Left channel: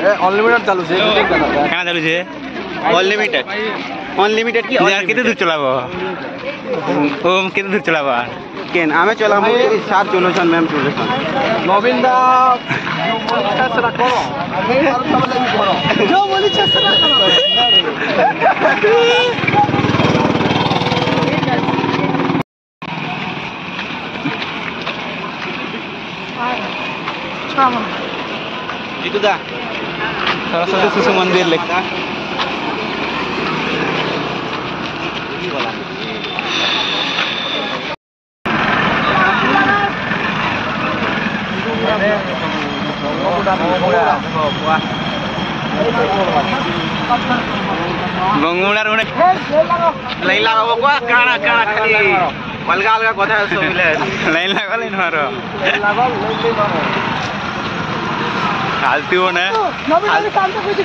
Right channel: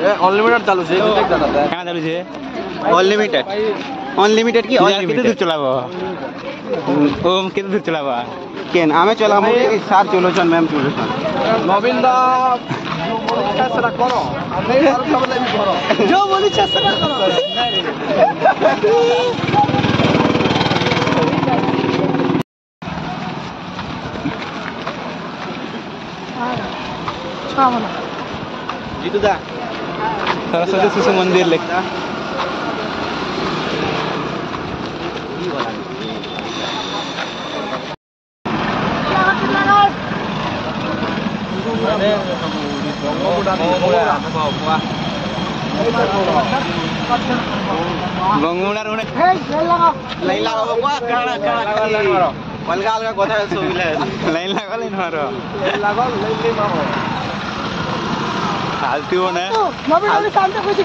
Unlimited चालू छे कहाँ चालू छे अनलिमिटेड अनलिमिटेड की केते दूर चलाबो ओम केते दूर चलाबो केन आमे चलाबो सार चलोछन मैम चलोछन नवीन दा जो बोली छसरा करो आमे और सब लागि करो जो बोली छसरा करो itu dah सरस्वती शिशु मंदिर लिखा बंगुड़ा रोने लाइन लगाबो को काना काना खाली अलगा अलगा কথা সবিলে लाइन लगा लाइन मारो लागल लई मारो फालतू हो ना नवीन नवीन शांत कुछ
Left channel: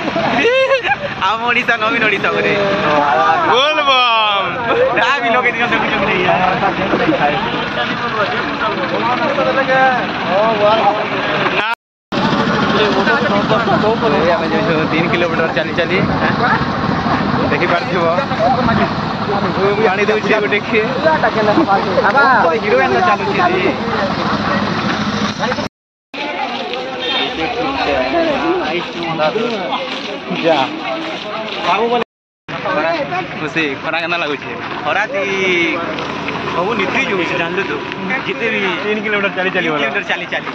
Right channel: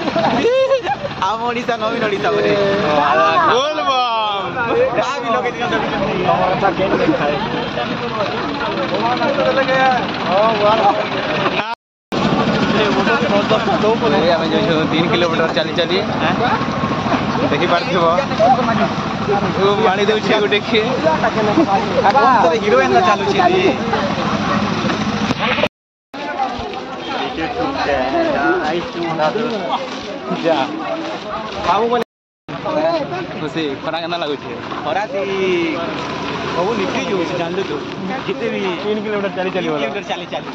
आम ओडिसा नवीन ओडिसा करे बोल बम दा भी लोग इनका सब कुछ नहीं है जो 3 किलोमीटर चली चली देखी पार्थिव पानी देउछे गोटे के तो हीरो एंदा चालू छी खुशी खरा केना लागु छे खरा ती बहु नित्री जो छै जानलु तो जिते भी 3 किलोमीटर चली चली वाला 3 किलोमीटर चली चली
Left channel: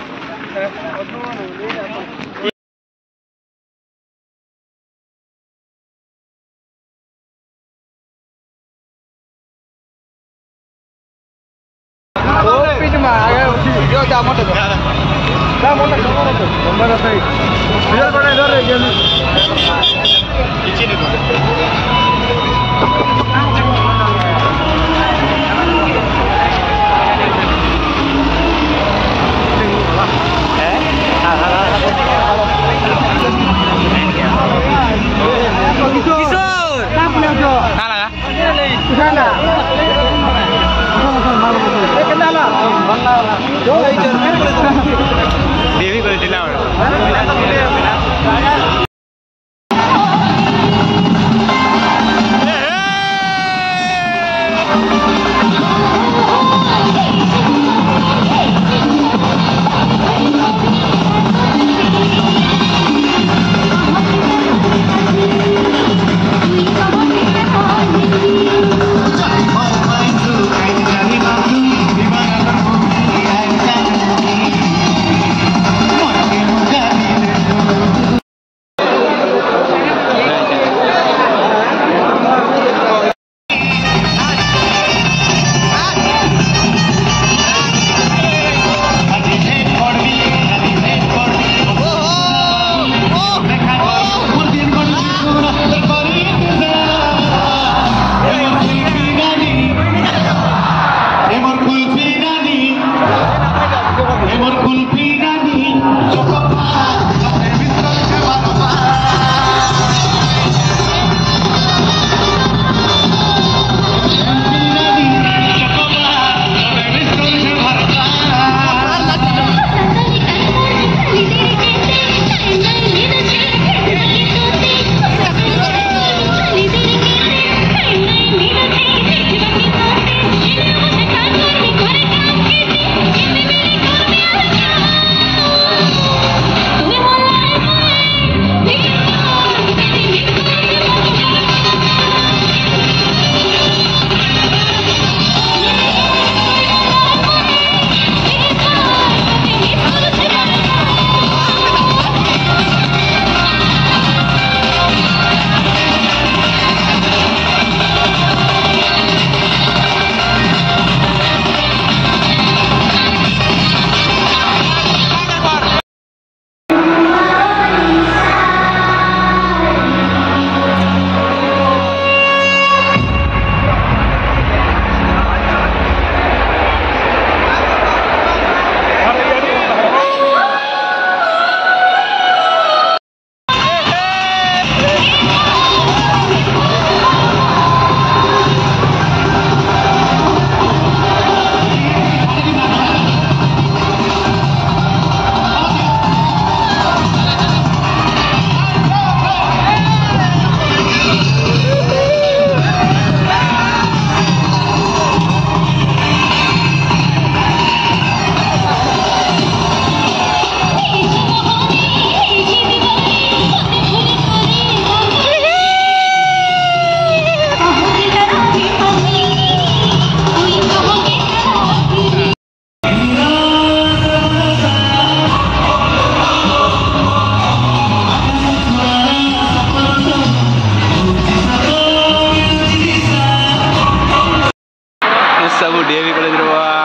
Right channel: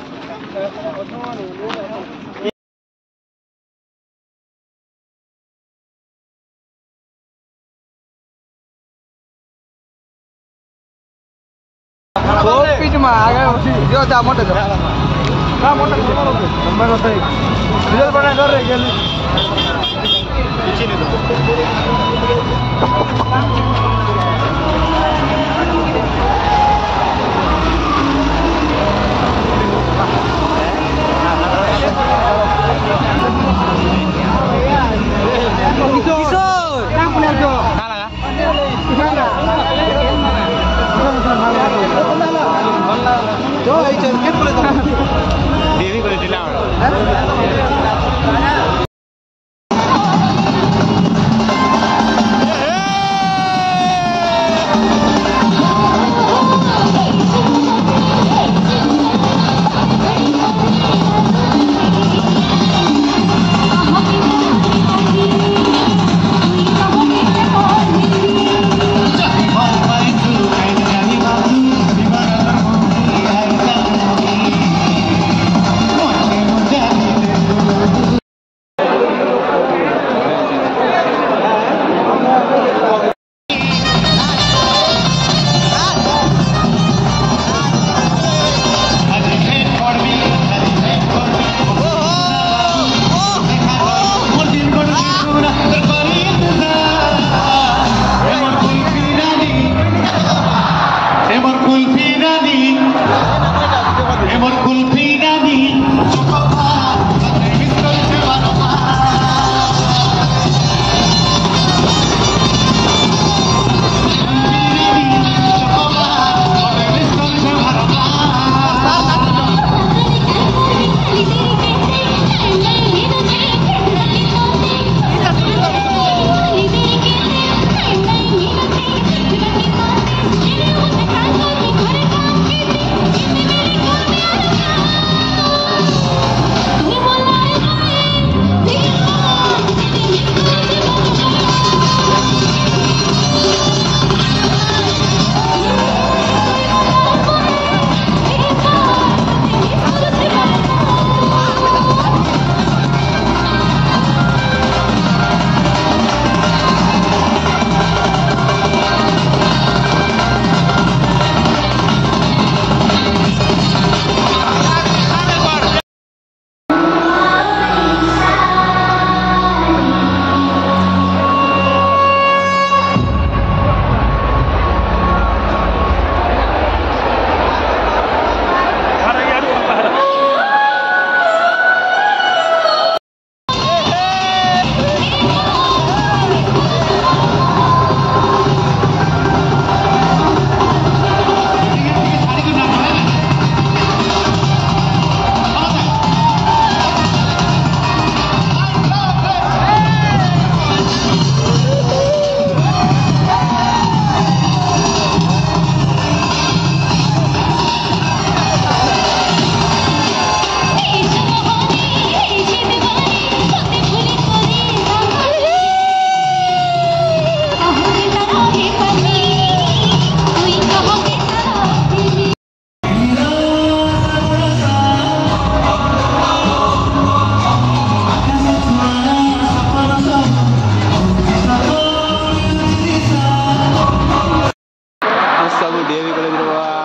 ডিএভি কলেজ রে বাবা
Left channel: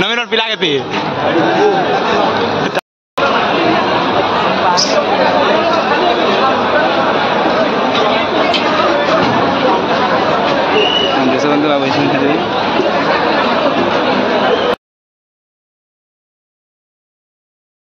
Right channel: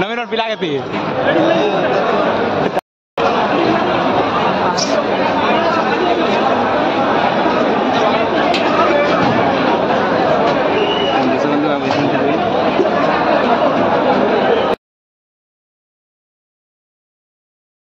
Nomor pila kati. Ang gusto ko lang